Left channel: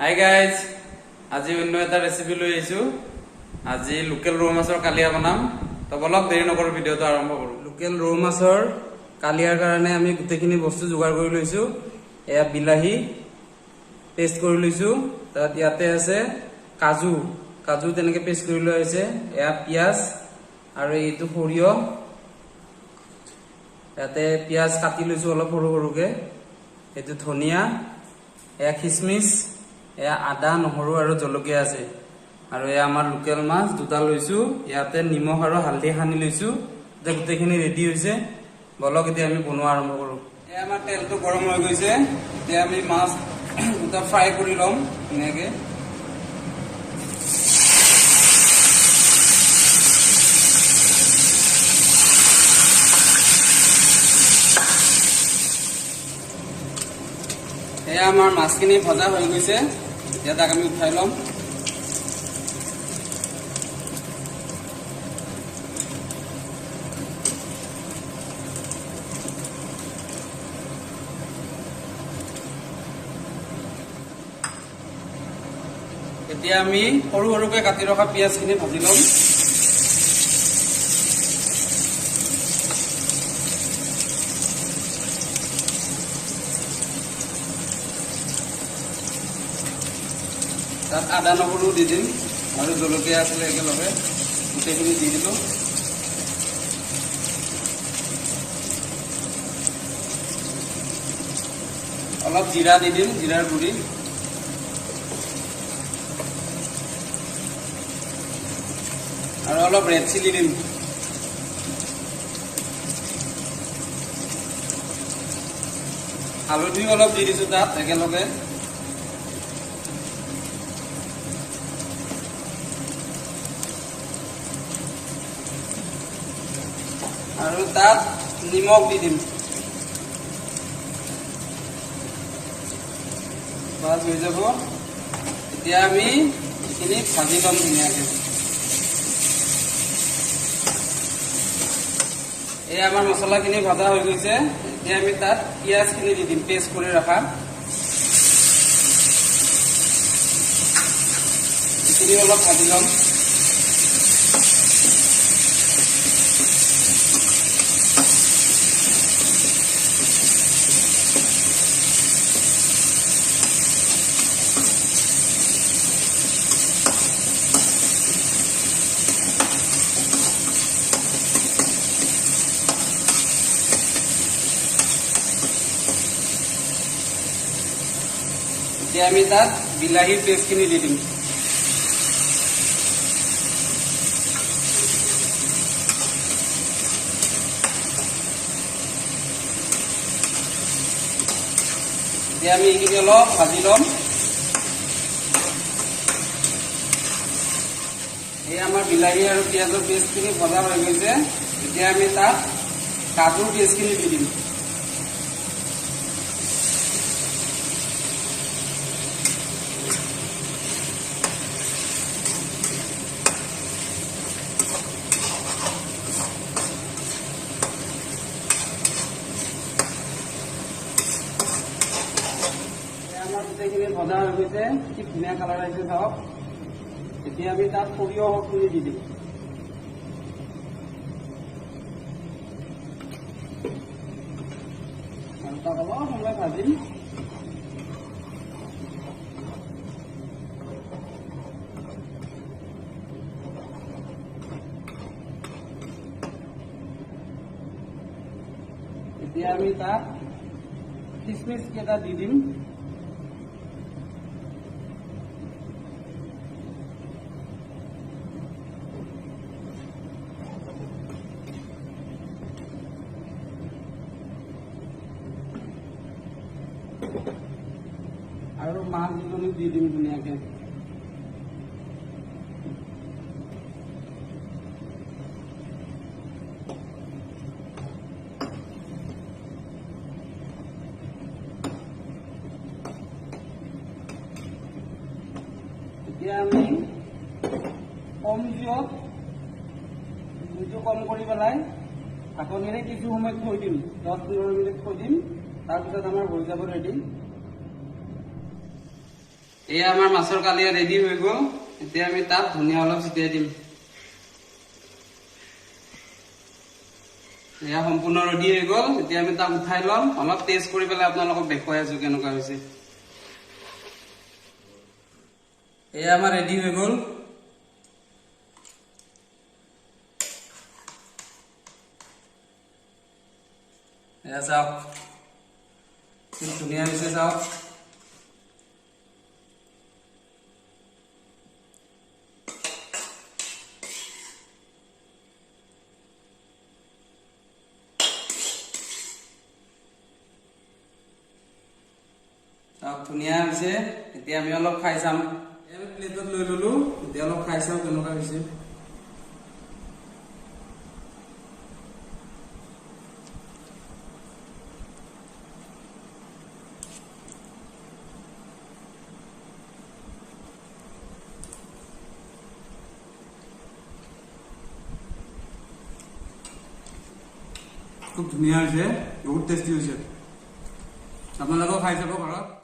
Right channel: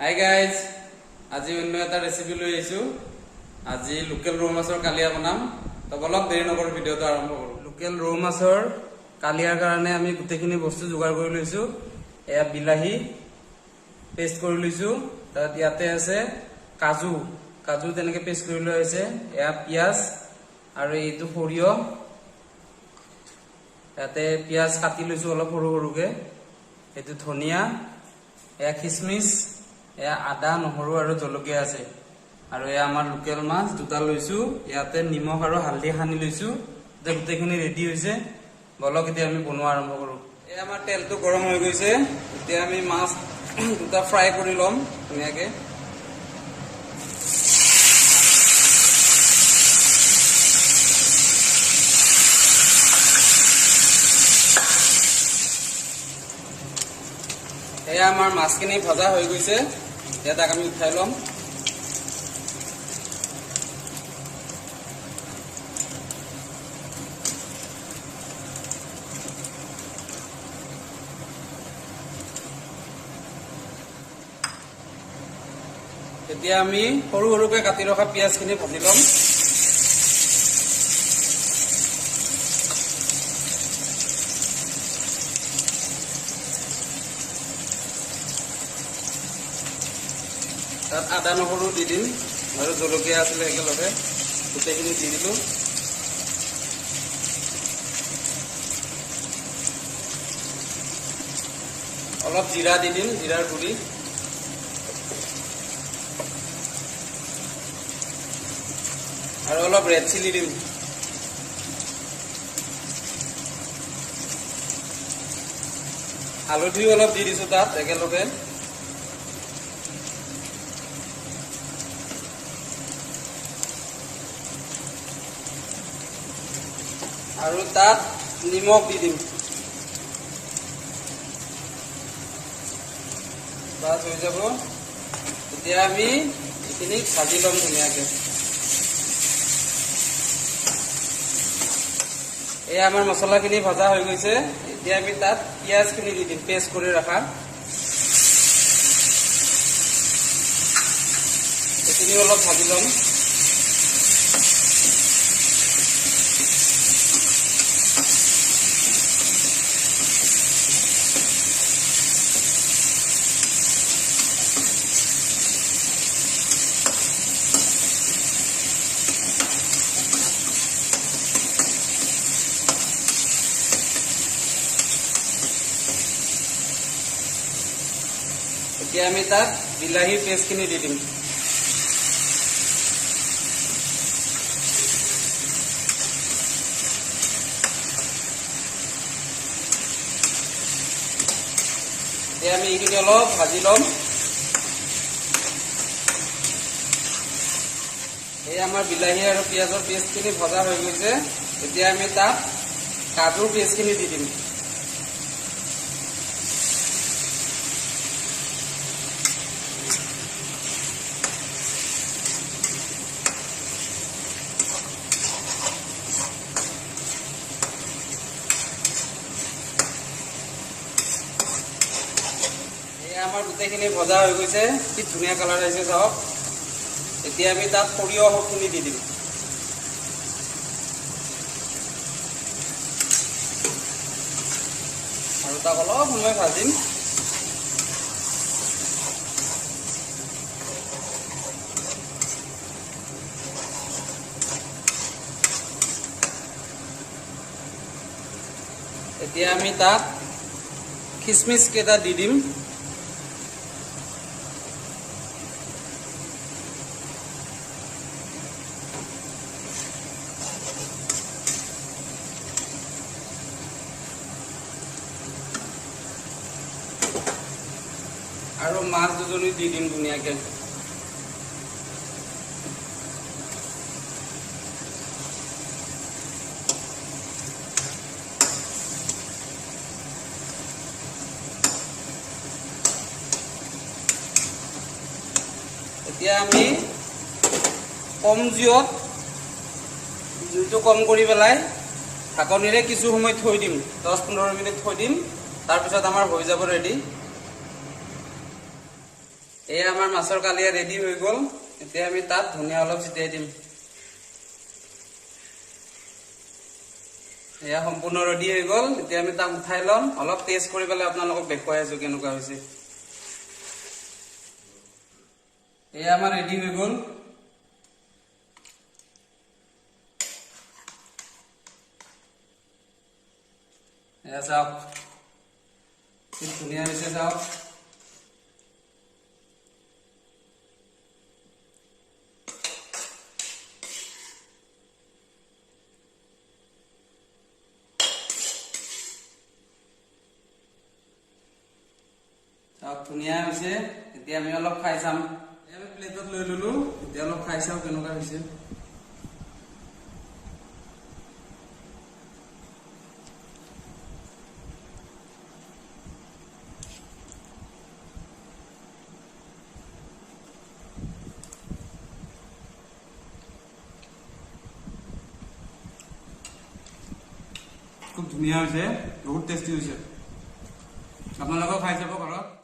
Hi guys, আজি অন্য এটা ৰেচিপি লৈ আহিছো। আজি লোকেল ৰৌ মাছৰ কালিয়া বনাম। তো অলপ দেৰি নকৰো, ভিডিঅ'টো আৰম্ভ কৰো। লোকেল ৰৌ মাছৰ কালিয়াৰ কাৰণে আমি গোটেইখিনি বস্তু যোগাৰ কৰি লৈছো। এয়া বিলাহী পেষ্ট কৰি লৈছো, তাত ইয়াতে আছে কাজু কাজু তেনেকে পেষ্ট কৰি লোৱা হৈছে। এয়া পিঁয়াজ আৰু এইটো সৰিয়হ, ইয়াতে পিঁয়াজ কাটি লৈছো অলপ সৰু সৰুকে। এইটো ধনিয়া, এয়া খিচমিচ, এয়া আদা নহৰু আৰু জলকীয়া আছে। আৰু এয়া আমাৰ লোকেল মাছ দুটা লৈছো। ইয়াতে নিমখ আৰু হালধি সানি লৈছো। গোটেইখিনি ৰেডি হৈছে। বলক এতিয়া আমি বনোৱা আৰম্ভ কৰো। এয়া আমাৰ তেলটো গৰম হৈ গৈছে। এতিয়া আমি মাছ দুটা ফ্ৰাই কৰি ল'ম ধুনীয়াকে। এয়া আমাৰ মাছখিনি ভজা হৈ গৈছে। এতিয়া তাক আমি উঠাই ল'ম। এতিয়া আমি সৰু সৰুকে কাটি ৰখা পিঁয়াজখিনি ভাজি ল'ম। তাত আদা নহৰু দি দিম আৰু জলকীয়া আছিলে একেলগে গোটেইখিনি দি দিলোঁ। অলপ জিৰা দি দিম, জিৰাৰ গুড়ি। আৰু অলপ ৰেড চিলি দিম। হালধিও অলপ দি দিছোঁ তাত একেলগে। আৰু তাত নিমখ দি দিম। তাত হৈ যাব। এতিয়া আমি এইখিনি ভাজি ল'ম ধুনীয়াকৈ। এই আমাৰ মছলাখিনি ভজা হৈ গৈছে। এতিয়া আমি তাত পিঁয়াজখিনি দি দিম, পেষ্ট কৰি ৰখা। এইখিনি অলপ ভাজি ল'ম। এতিয়া আমি তাত বিলাহীৰ পেষ্টখিনি দি দিম। এতিয়া আমি এইখিনি অলপ ভাজি ল'ম। এই আমাৰ বিলাহী আৰু পিঁয়াজৰ পেষ্টখিনি ভজা হৈ গৈছে। এতিয়া আমি তাত কাজুৰ পেষ্টখিনি দি দিম। আমাৰ গোটেইখিনি ভজা হৈ গৈছে। কি ধুনীয়া কালাৰ আহিছে চাওক। এতিয়া আমি তাত সৰিয়হখিনি দি দিম। আৰু তাক অলপ সময় ভাজিম। এতিয়া আমি তাত খিচমিচ কেইটা দি দিম। আৰু মাছ দুজনী দি দিম ধুনীয়াকে। এতিয়া আমি কম জুইটো কম কৰি পেলাই ঢাকনিৰে কিছু সময় থৈ দিম। 10-15 মিনিট থৈ দিম। তাৰপিছত আমাৰ হৈ যাব ৰেডি। এয়া আমাৰ মাছৰ কালিয়া ৰেডি হৈ গ'ল। এতিয়া আমি তাত ধনিয়া অলপ ছিটিয়াই দিম। এয়া সম্পূৰ্ণ ৰেডি হৈ গ'ল। এতিয়া আমি তাক উঠাই ল'ম, অলপ টেষ্ট কৰি পেলাই আপোনালোকক দেখুৱাই আছো কেনেকুৱা হৈছে। এয়া আমাৰ ৰেডি হৈ গ'ল। এয়া চাওক কি ধুনীয়া হৈছে চাওক। ধুনীয়া হৈছে। এতিয়া আমি অলপ খাই চাম। আমি প্লেটত লৈ ললো, এতিয়া অলপ খাই চাওঁ কেনেকুৱা হৈছে। খুব ধুনীয়া হৈছে, বহুত টেষ্টি হৈছে। আপোনালোকেও খাই চাব ঘৰত।